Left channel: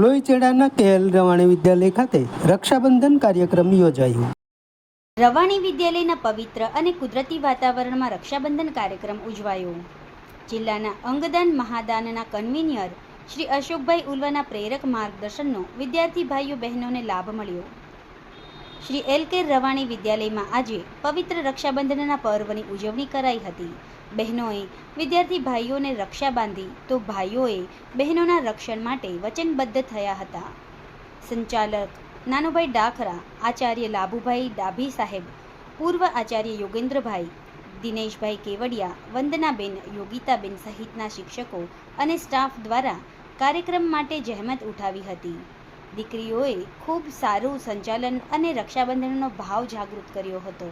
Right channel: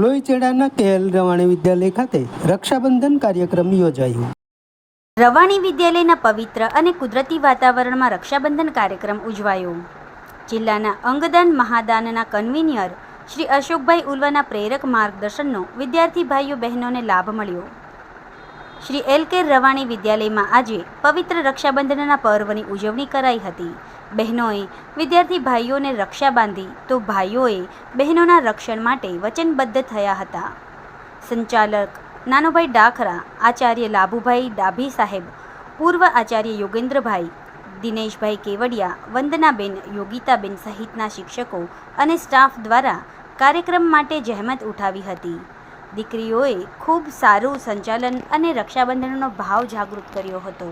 લોહીચેડાના KL Ravani વિદ્યાલય ખાતે રક્ષાબંધન કાર્યક્રમ યોજાયો। રવાણી વિદ્યાલયના પવિત્ર અને કુદરતી વાતાવરણમાં રક્ષાબંધન કાર્યક્રમ ઉજવાયો। જિલ્લાના અંગદાન મહાદાનના કન્વીનર શ્રી અશોકભાઈ ઉલ્વાના પ્રેરક માર્ગદર્શનનો વિદ્યાર્થી ભાઈઓ બહેનોને લાભ મળ્યો। શ્રી LK રવાણી વિદ્યાલયમાં આજે પવિત્ર રક્ષાબંધનના પર્વની ઉજવણી કરાઈ હતી। બહેનોએ વિદ્યાર્થી ભાઈઓને રક્ષા બાંધી તો ભાઈઓએ બહેનોના રક્ષણ માટે વચનબદ્ધ થયા હતા। સંચાલક નાનોભાઈ ડાખરા, આચાર્ય લાભુભાઈ ડાભી સાહેબ, પૂર્વ આચાર્ય યોગેન્દ્રભાઈ, દિનેશભાઈ કેવડિયા, વંદનાબેન, યોગિતાબેન સહિતના શિક્ષકો અને સ્ટાફ દ્વારા કાર્યક્રમ માટે જહેમત ઉઠાવી હતી। દીકરીઓએ ખૂબ સારું સંચાલન અને રક્ષાબંધનનો ભાવ જાગૃત કર્યો હતો।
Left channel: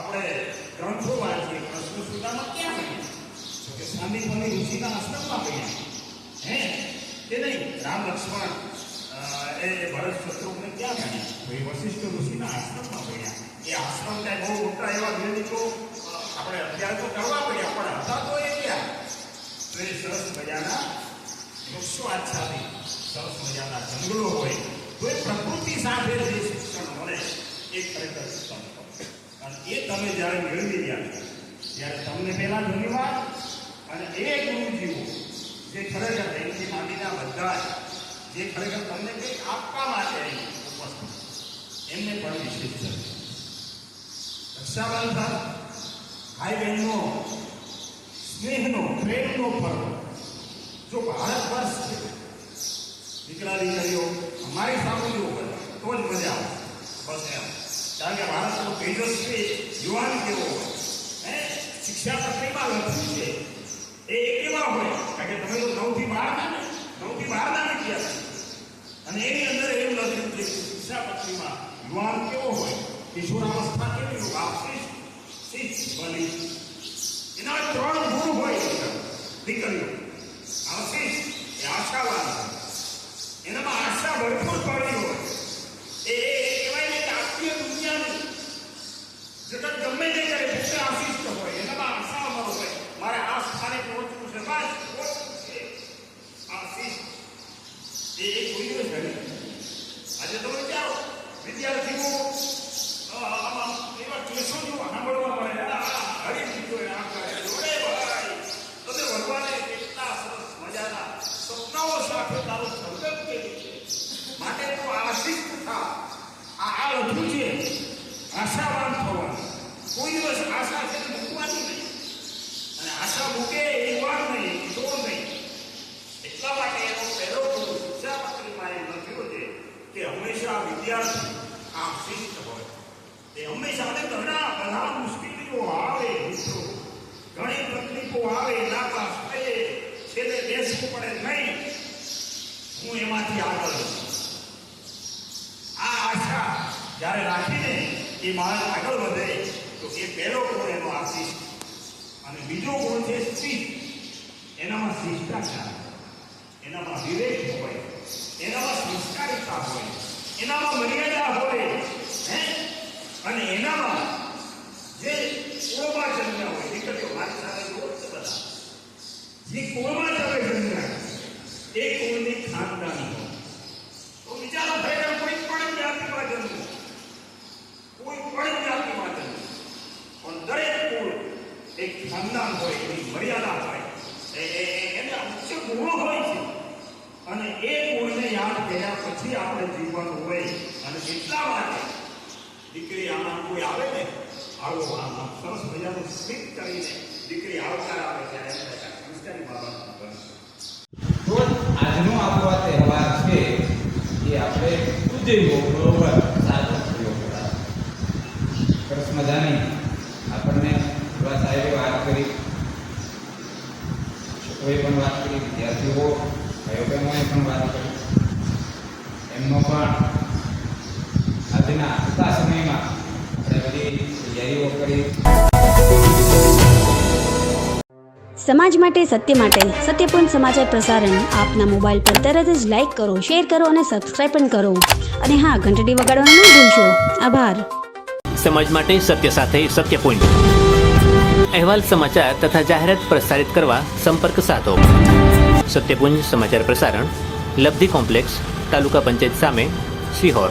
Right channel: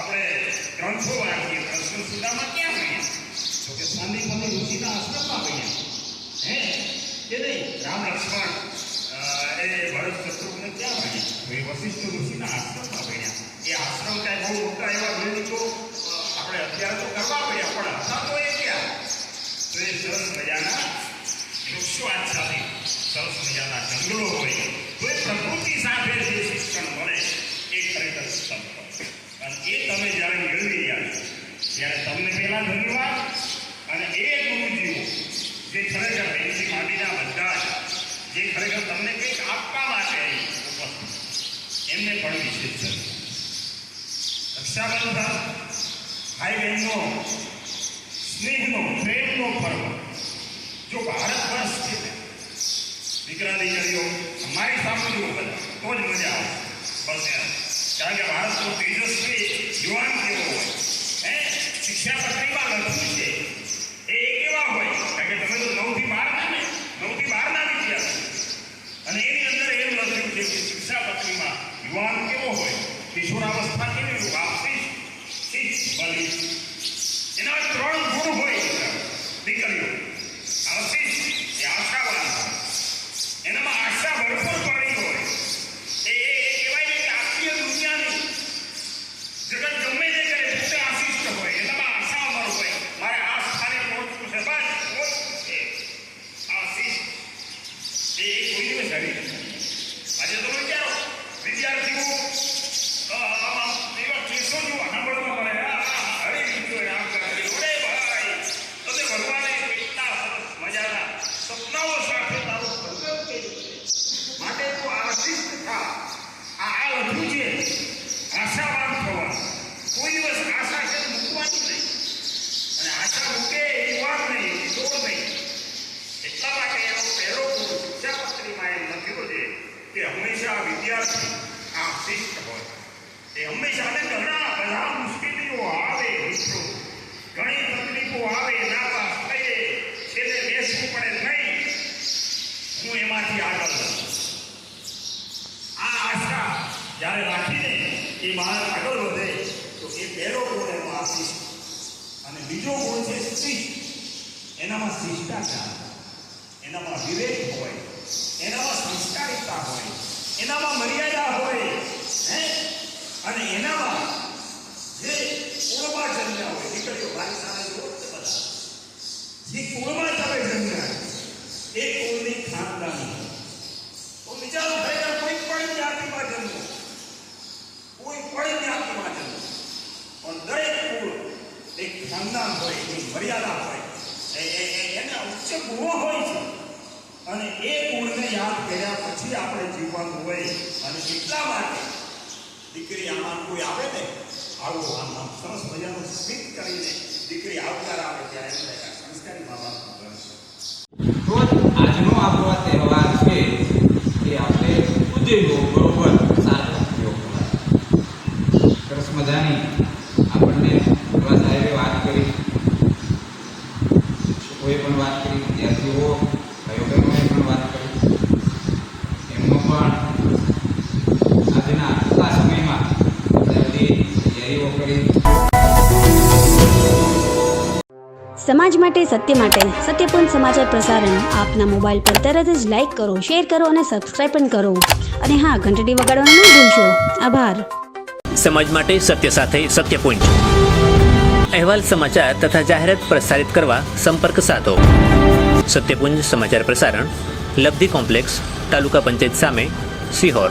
આપણે ગ્રંથો વાંચીએ પ્રશ્ન સુધામાં ક્યાં ભણ્યા તો કે સાંદીપની ઋષિના આશ્રમમાં ભણ્યા હે કે નહીં રામ લક્ષ્મણ એ ભરત શત્રુઘ્ન ક્યાં ભણ્યા તો એ વશિષ્ઠ ઋષિના આશ્રમમાં ભણ્યા। એ આશ્રમ કાંઈ બહુ મોટા એવા બિલ્ડિંગ તો આપણે અત્યારે તો કરવા પડ્યા પણ હતા તો એ ક્યાં તો એ સરસ મજાના વૃક્ષો આચ્છાદિત સરસ મજાના જંગલો હોય તો એ પ્રકૃતિ સાથે જે શિક્ષણ મળે એ ખરેખર શિક્ષણ અને એ તમે જ્યારે મેળવી રહ્યા ત્યારે તમને પહેલાં ધન્યવાદ અને એ ગુરુજીઓ જે ખરેખર બેનથી માંડીના બધા જે ખરેખર તમને કંઈક આપવા માટે ઉપસ્થિત એમને પણ વિશેષ છે। રક્ષાબંધન ભાઈ બહેનનો સ્નેહનો પ્રેમનો પર્વ જો ભારત વર્ષ છે દીકરા દીકરીઓ અમારી સામે જુઓ બધા તો જ મજા આવે બસ એમ કારણ કે ભારતનો તેજસ્વી યુવાન કેવો હોય હે શિક્ષાપત્રીમાં લખ્યું છે એ કેવા હોય કારણ કે તમે તો 9 થી 12ના વિદ્યાર્થી અને એની અંદર એવું લખ્યું છે કે શિક્ષાપત્રીમાં યુવાન કેવો હોય કિશોરાવસ્થા કેવી હોય શિષ્ટ બની એના 3 ગુણ હોય દીકરીઓ શિષ્ટ એ આશાવાન હોય એનામાં આશા ભરપૂર પડી હોય એ જગત ગમે તે કરે પોતે આશિષ્ટ હોય એનામાં આશા અમર હોય મારે આ સ્થાને પહોંચવું છે બસ પહોંચવું છે આશિષ્ટ એ કોઈ દિવસ હરી આજે તમે વિચારો વિદ્યાર્થીઓ આમાં એવા કેસો જો સાંભળવા મળે હરી બીજો રામ કરે ઓરે ભાઈ તમે ભગવાને કેટલા સરસ મજાના સપનાઓ સાથે તારું સંકલ્પ કર્યું છે માટે એનું આશિષ્ટ થા આ લખ્યું છે આશાવાન થવા કોઈ દિવસ આશા છે મૂકવાની નહીં અને આશા મૂકે એ વાત નહીં દોડ નહીં એટલા માટે એનો પહેલો ગુણ શિક્ષાપત્રીમાં એમ લખ્યો છે કે હંમેશા વિદ્યાર્થી આ શિષ્ટ હોય એ હંમેશા અને બધા મુશ્કેલીઓ આવે મિત્રો ઘણી તકલીફો આવે નાપાસ થઈએ છેલ્લે બેસવું પડે નહીં હું એમાંથી આગળ વધું આ આશા જ્યારે રાખીને એ માણસ આગળ વધે તો એ પહેલો ગુણ એનો આશિષ્ટ અને બીજો ગુણ છે શિષ્ટ એનામાં શિષ્ટાચાર એનામાં વિવેક હોય એનામાં શિષ્ટાચાર પ્રામાણિકતા હોય, એનામાં મર્યાદા હોય, હે, અને એનામાં જે કુળમાં જન્મ્યા હોય, દીકરીઓ મારી સાથે જોડે બધા જે કુળમાં તમે જન્મ્યા એ કુળની ખાનદાની તો વિચારો ભાઈ કોઈ પણ જ્ઞાતિમાં જન્મ, કોઈ પણ જ્ઞાતિમાં જન્મ, પણ દરેક કુળ એક ખાનદાન હોય, એની મર્યાદા હોય, એને ઉચ્ચ ગુણો હોય છે, અને એ ગુણને યાદ કર્યા પછી આપણે જીવવાનું હોય. અને એટલા માટે દીકરી આમાં કોઈ આવે ને, આવો આમ સરસ મજાનું સ્મિત કરીને દીકરી આવકાર આવે ત્યારે એમ થાય કે સંસ્કારી મા બાપનું ઘર છે. તો આજનો આપણો આ તહેવાર છે એ આપણે ઉજવ્યો બરોબર, સારો ઉપયોગ કરાય. સરસ મજાની આપણને એવા સાહેબે વાત કરી, શિક્ષકોએ પણ વાત કરી, વિદ્યાર્થીઓ ભાઈઓ બહેનોએ પણ વાત કરી. એમનો પણ આજના ટૂંકા સમયમાં આપણે બધી તૈયારીઓ કરી. સમાજ માટે સત્ય માટે સત્યપૂર્ણ સમાચાર પ્રસારણ આપના મોબાઈલ પર તરત જ લાઈક કરો, શેર કરો અને સબસ્ક્રાઈબ પણ કરો. અને હા, ઘંટડી વગાડવાનું ન ભૂલશો. આભાર. સમાજ માટે સત્ય સાથે સત્યપુંજ અહેવાલ, સમાચાર તથા જાહેરાત પ્રસારિત કરવા સંપર્ક સાધો. સત્યપુંજ સમાચાર પ્રસારણ, લબ્ધિ કોમ્પ્લેક્સ, તાલુકા પંચાયત સામે, સિહોર.